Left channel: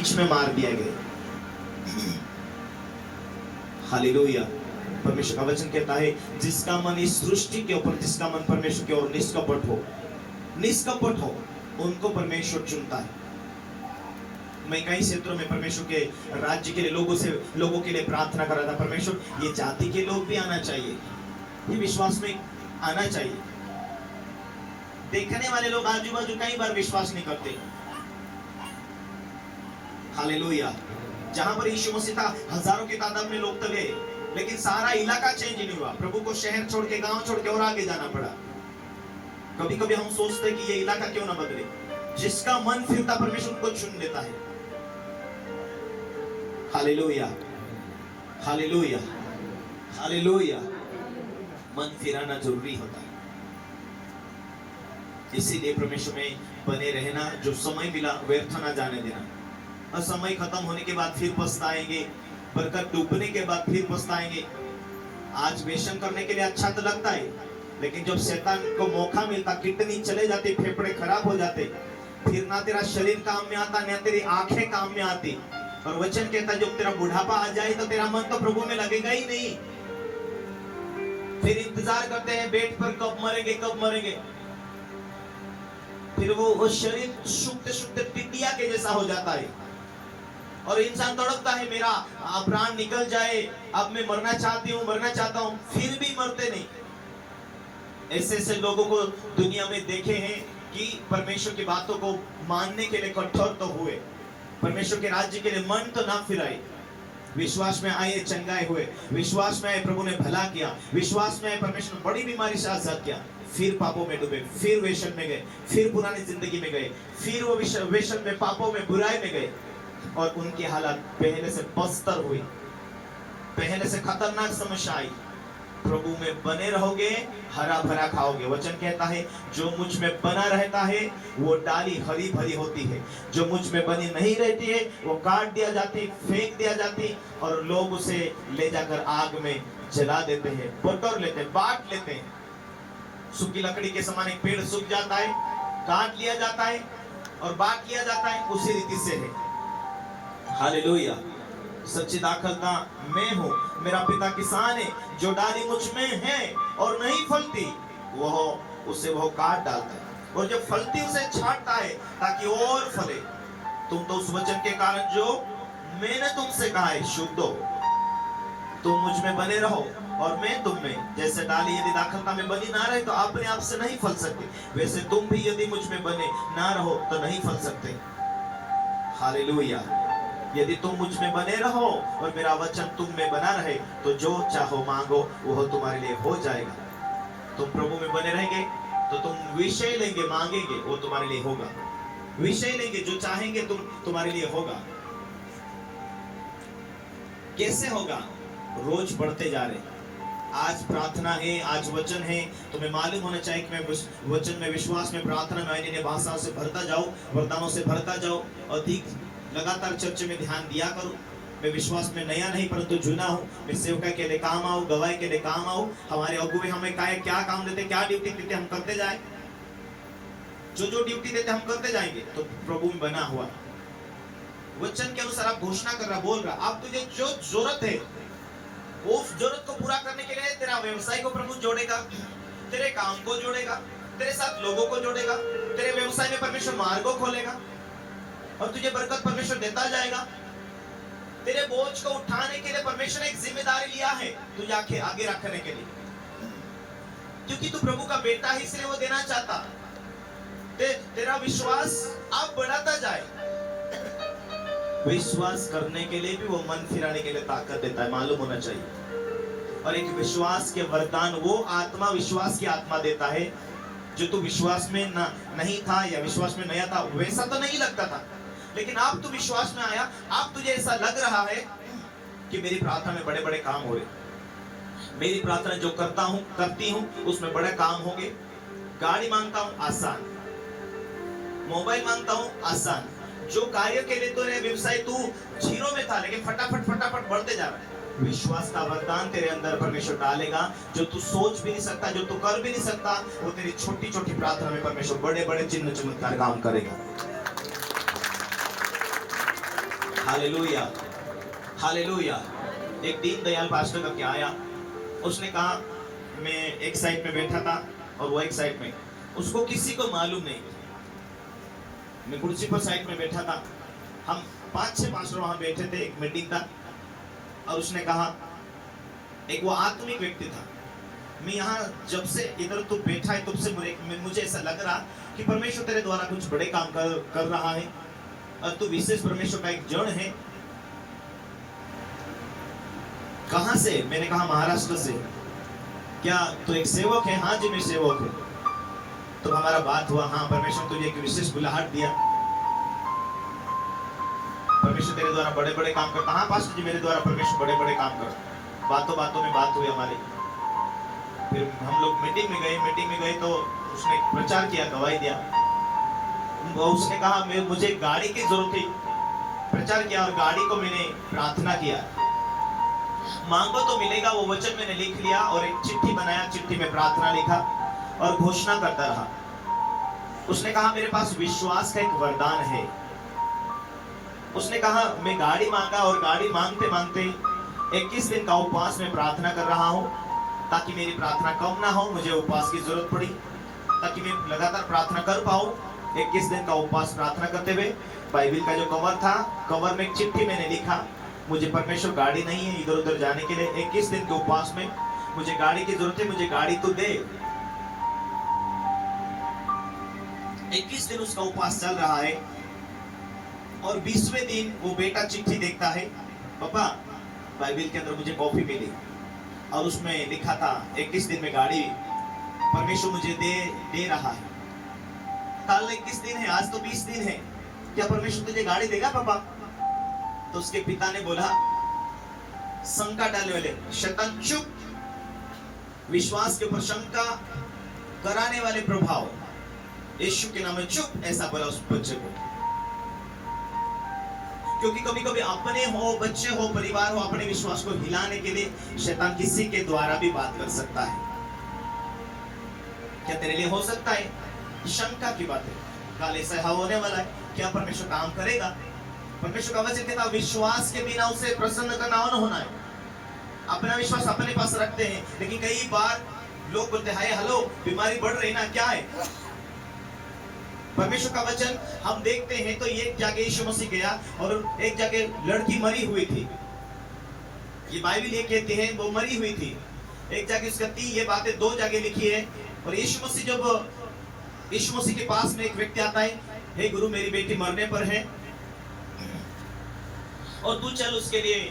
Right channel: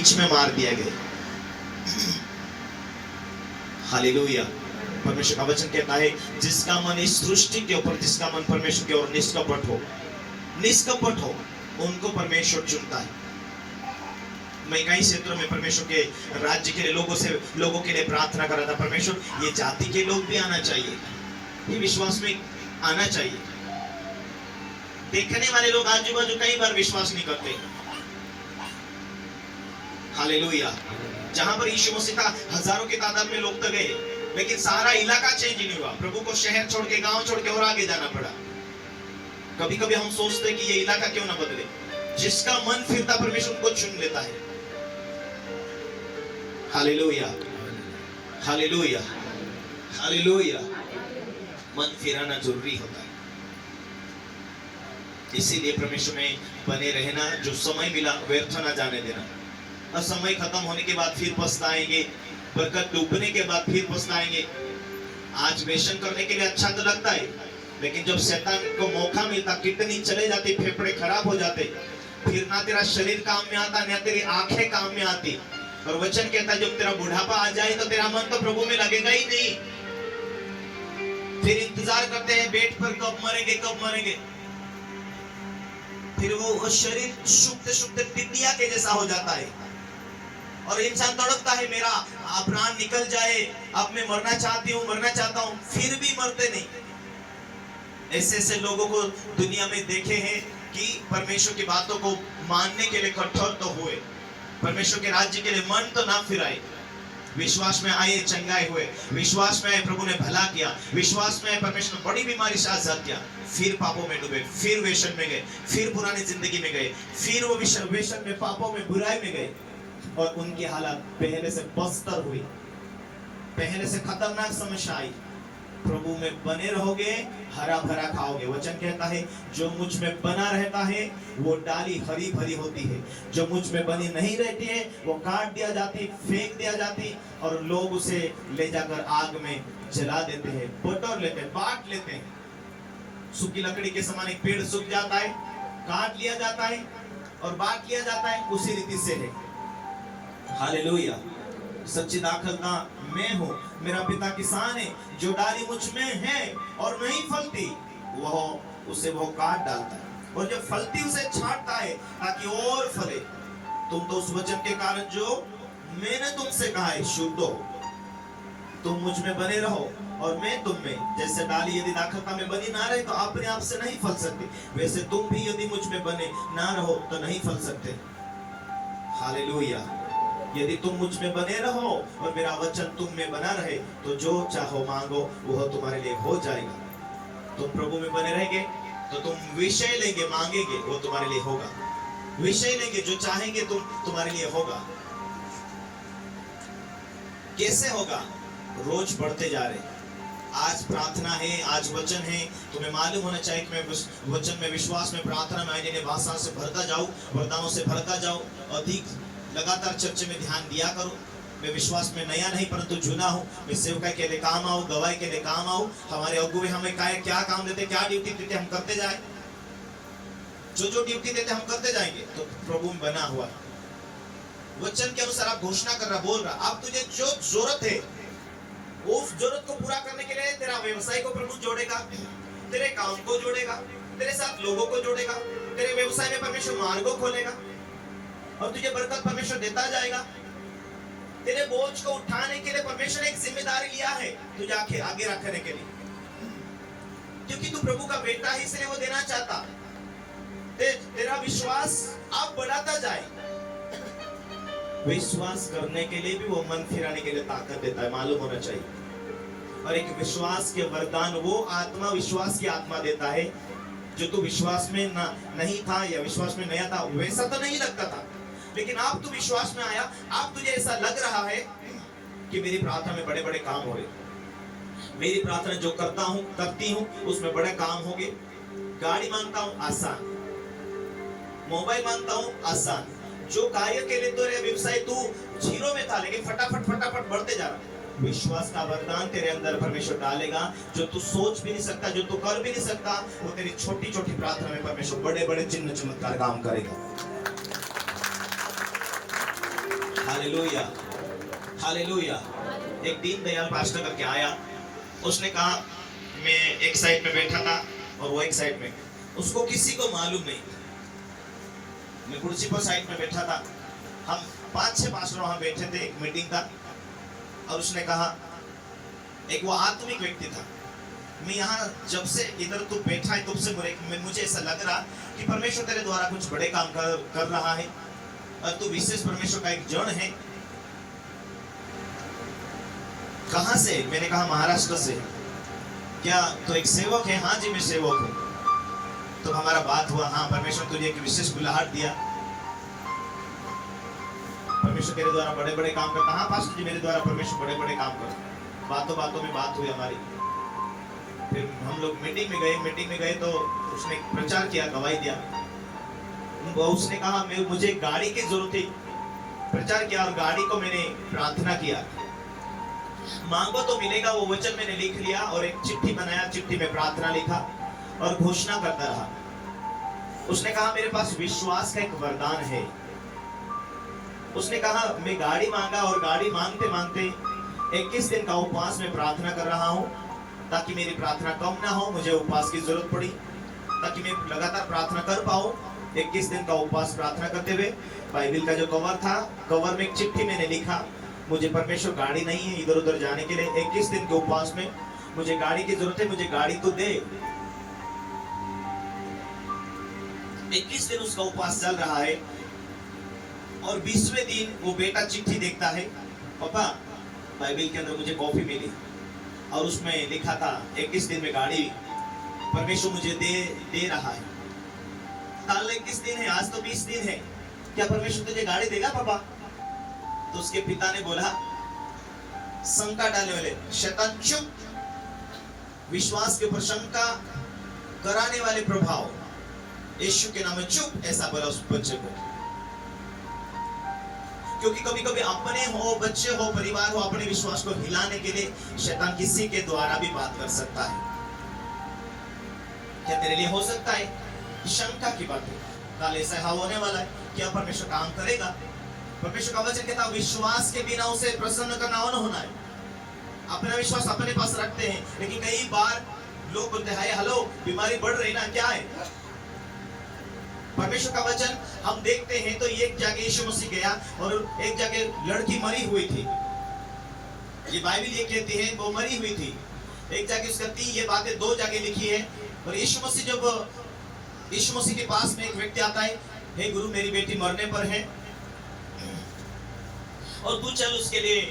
बीच में मार दिया गया। हालेलुया। परमेश्वर का वचन कहता है जिसका मन इस सृष्टि के ऊपर, जिसका मन परमेश्वर की ओर निष्कपट हो, उनको परमेश्वर चुनता है। मैं कई क्षेत्रों में परमेश्वर के राज्य के लिए लोगों के लिए प्रार्थना कर रहा था, परमेश्वर ये जाति के लोग भी आना चाहिए, ये विश्वास में आना चाहिए। देखने वाले लोग आजू बाजू कई बार विश्वास नहीं करते। हालेलुया। जहां पर यीशु मसीह था हजारों की तादाद में लोग तो गए, लेकिन सारा इलाका चेंज नहीं हुआ। प्रभु को शहर छोड़ के, गांव छोड़ के और आगे जाना पड़ा। कभी कभी हम सोचते हैं कि ये इलाका क्यों ना बदले। जिसका मन फिरता परमेश्वर को चुन लेता है। Hallelujah, hallelujah, hallelujah. मन फिराना जरूरी होता है। इसीलिए परमेश्वर में बने रहना, जो समय मिला व्यर्थ ना जाने देना। और समय खत्म होने के बाद फिर पछताएंगे, बरकत डूबने के बाद फिर पछताएंगे। आज वेशन करने के लिए अच्छा तो लगता है, लेकिन जब शैतान को मौका मिलता, किडनी चले जाते, फेफड़े खराब हो जाते, फिर ना तेरा शरीर काम में आता, ना तेरी आंखें काम में आती। और वचन कहता है जब तेरा बुढ़ापा आ जाए तो तेरा मन तो प्रभु में लगेगा ही नहीं। फिर इंतजार करते हैं बेड पर, कब मरेंगे कब मरेंगे। फिर वो शरीर शुद्ध शुद्ध टिड्डिया के जैसा हो जाता है और इंसान तड़पता है मेरा प्राण निकल जाए, अब मैं मरना चाहती हूँ, मरना चाहता हूँ, फिर भी मरते नहीं। ऐसे ऐसे लोगों को दुनिया में देखे हैं कि परमेश्वर की बातों को मानने के लिए कठोर तो हुए, परमेश्वर के राज्य के लिए मन तो ना फिराए। विश्वास में आए, चंगाई हुए, विश्वास में आए, प्रभु ने भला किया, विश्वास में आए, परमेश्वर ने बड़ी बीमारी से आजाद किया, फिर पापों में डूबे, फिर वेशन में गए, फिर पुरानी जिंदगी में गए, फिर वो वेशन में, पापों में, बुराई में गए और उनकी हालत पहले से बदतर हुई, पहले से खतरनाक समस्या आई। प्रभु में बने रहोगे, हरा भरा खाओगे। वचन कहता है जो मुझ में बना रहता है वो डाली हरी भरी होती है, जो मुझ में बनी नहीं रहती है वो काट दिया जाती, फेंक दिया जाती और लोग उसे ले जाकर आग में जला देते हैं, बटोर लेते हैं, बांट लेते हैं। सूखी लकड़ी के समान एक पेड़ सूख जाता है, काट लिया जाता है और बांट लिया जाता है, उसी रीति से है। हालेलुया। सच्ची दाखलता मैं हूँ, मेरा पिता किसान है, जो डाली मुझ में है और नहीं फलती वह काट डालता है और जब फलती उसे छांटता है ताकि और फले। तुम तो उस वचन के कारण जो मैंने तुमसे कहा है शुद्ध हो। तुम मुझ में बने रहो और मैं तुम में। जैसे डाली यदि दाखलता में बनी ना रहे तो अपने आप से नहीं फल सकती, वैसे तुम भी यदि मुझ में बने ना रहो तो नहीं फल सकते। हालेलुया। यदि तुम मुझ में बने रहो और मेरा वचन तुम में बना रहे तो जो चाहो मांगो वह तुम्हारे लिए हो जाएगा। तुम प्रभु में बने रहेंगे तो तुम विषय लेंगे, मांगेंगे, वो तुम्हारे लिए होगा। विषय लेंगे, जो चाहेंगे तुम्हारे लिए होगा। कैसे होगा? रोज बढ़ते जा रहे। आज प्रार्थना है, आज वचन है, तुम्हें मालूम होना चाहिए कि मैं वचन में, विश्वास में, प्रार्थना में, अन्य भाषा से भरता जाऊं, वरदानों से भरता जाऊं, अधिक लगातार चर्च में ध्यान दिया करो। मैं विश्वास में नया नहीं परंतु जुना हूँ। मैं सेवकाई के लिए काम आऊँ, गवाही के लिए काम आऊँ। हमारे अगुवे हमें क्या काम देते, क्या ड्यूटी देते, हम करते जाए। जो ड्यूटी देते हम करते जाएंगे तो प्रभु में बना हुआ वचन के अनुसार आप घोषणा कर रहा, बोल रहा। अब तुझे जो जरूरत है उस जरूरत को पूरा करने के लिए तेरा व्यवसाय को प्रभु जोड़ेगा, तेरे काम को जोड़ेगा, तेरे साथ लोगों को जोड़ेगा, तेरे व्यवसाय में परमेश्वर मार्गों खोलेगा और तुझे बरकत परमेश्वर देता जाएगा। तेरे बोझ को उठाने के लिए परमेश्वर एक जिम्मेदारी लिया है तुझे आगे रखने के लिए, क्योंकि तू प्रभु का बेटा है, इसलिए वो देना चाहता। तेरा विश्वास आप बढ़ाता जाए। विश्वास करने के लिए भी वो मन फिराने के लिए ताकत देता है, मालूम होना चाहिए। और एक विश्वास के वरदान वो आत्मा, विश्वास की आत्मा देता है। जो तू विश्वास में नहीं था या विश्वास में नया था वैसा तो नहीं लगता था, लेकिन आप तू विश्वास में आया, आप तुझे ऐसा लग रहा है कि मेरी प्रार्थना में बड़े बड़े काम हो रहे, मेरी प्रार्थना जो करती हूँ उसमें बड़े काम होंगे। गाड़ी मांगता हूँ आसान, मोबाइल मांगता हूँ आसान। जो कार्य के लिए तेरे व्यवसाय तू जीरो में था लेकिन फटाफट बढ़ते जा रहा है। विश्वास का वरदान तेरे अंदर परमेश्वर डालेगा, जो तू सोच भी नहीं सकता, जो तू कर भी नहीं सकता, वो तेरी छोटी छोटी प्रार्थना में परमेश्वर बड़े बड़े चिन्ह चमत्कार काम करेगा। Hallelujah, hallelujah. एक दीन दयाल पास्टर करके आया, उसने कहा मैं एक साइड में बैठा था और वो एक साइड में, उसको किसी को मालूम नहीं, मैं कुर्सी पर साइड में बैठा था, हम 5-6 पास्टर वहां बैठे थे, एक मीटिंग था। और उसने कहा, एक वो आत्मिक व्यक्ति था, मैं यहाँ जब से इधर तू बैठा है तब से मुझे ऐसा लग रहा कि परमेश्वर तेरे द्वारा कुछ बड़े काम कर रहा है और तू विशेष परमेश्वर का एक जड़ है। कहां से? मैंने कहा महाराष्ट्र से। क्या तू एक सेवक है? हाँ जी मैं सेवक हूं। तो हमारा बात हुआ, हाँ परमेश्वर तुझे एक विशेष बुलाहट दिया, परमेश्वर तेरे द्वारा बड़े बड़े काम करता। हाँ पास्टर जी मेरे द्वारा परमेश्वर बड़े बड़े काम करता। बातों बातों में बात हुई हमारी, फिर हम लोग मीटिंग में गए तो उसने प्रचार किया, गवाही दिया। उसने कहा मुझे गाड़ी की जरूरत थी, प्रचार किया और गाड़ी को मैंने प्रार्थना किया, मांगो तो मिलेगा, वो वचन मैंने लिख लिया और एक चिट्ठी बनाया, चिट्ठी में प्रार्थना लिखा और घोषणा करता रहा। उसने कहा मेरे पास विश्वास का एक वरदान है। उसने कहा मैं गाड़ी मांगा और गाड़ी मांगते मांगते 21 दिन का उपवास में प्रार्थना कर रहा हूँ ताकि मेरी प्रार्थना कम ना हो। मुझे उपवास की जरूरत पड़ी ताकि मैं लगातार प्रार्थना कर पाऊं। 21 दिन का उपवास प्रार्थना करते हुए बाइबल का जो कवर था, कवर में एक चिट्ठी मैंने लिखा, मुझे परमेश्वर गाड़ी नहीं है इधर उधर जाने के लिए, 21 दिन के उपवास में मुझे गाड़ी की जरूरत है, मुझे गाड़ी तो दे। 21 दिन उसका उपवास चल रहा है और 20वें दिन वो बेटा चिट्ठी देखता है, पापा बाइबल के अंदर मुझे कॉफी मिली और उसमें लिखा था 21 दिन में गाड़ी परमेश्वर मुझे दे रहा है। कल 21 दिन है, आज तो 20 दिन है, क्या परमेश्वर तुझे गाड़ी देगा पापा? तो उसके पिता ने बोला, शंका डालने वाले शैतान चुप, विश्वास के ऊपर शंका कराने वाले प्रभाव, यीशु के नाम में चुप, ऐसा बोला उस बच्चे को। क्योंकि कभी कभी अपने हो, बच्चे हो, परिवार हो, अपने विश्वास को हिलाने के लिए शैतान किसी के द्वारा भी बात कर सकता है। क्या तेरे लिए हो सकता है? शंका की बात है, कल ऐसा होने वाला है, क्या परमेश्वर काम करेगा? परमेश्वर का वचन कहता है विश्वास के बिना उसे प्रसन्न करना न होना है। अपना विश्वास अपने पास रखते हैं, लेकिन कई बार लोग बोलते हैं हेलो बीमारी बढ़ रही ना, क्या है? परमेश्वर का वचन हम देखते हैं तो एक जगह यीशु मसीह गया और एक जगह लड़की मरी हुई थी, ये बाइबल ये कहती है वो मरी हुई थी। एक जगह उसका ये बातें 2 जगह लिखी है। और यीशु मसीह के पास में एक व्यक्ति आता है, हे गुरु मेरी बेटी मरने पर है और तू चल उसके लिए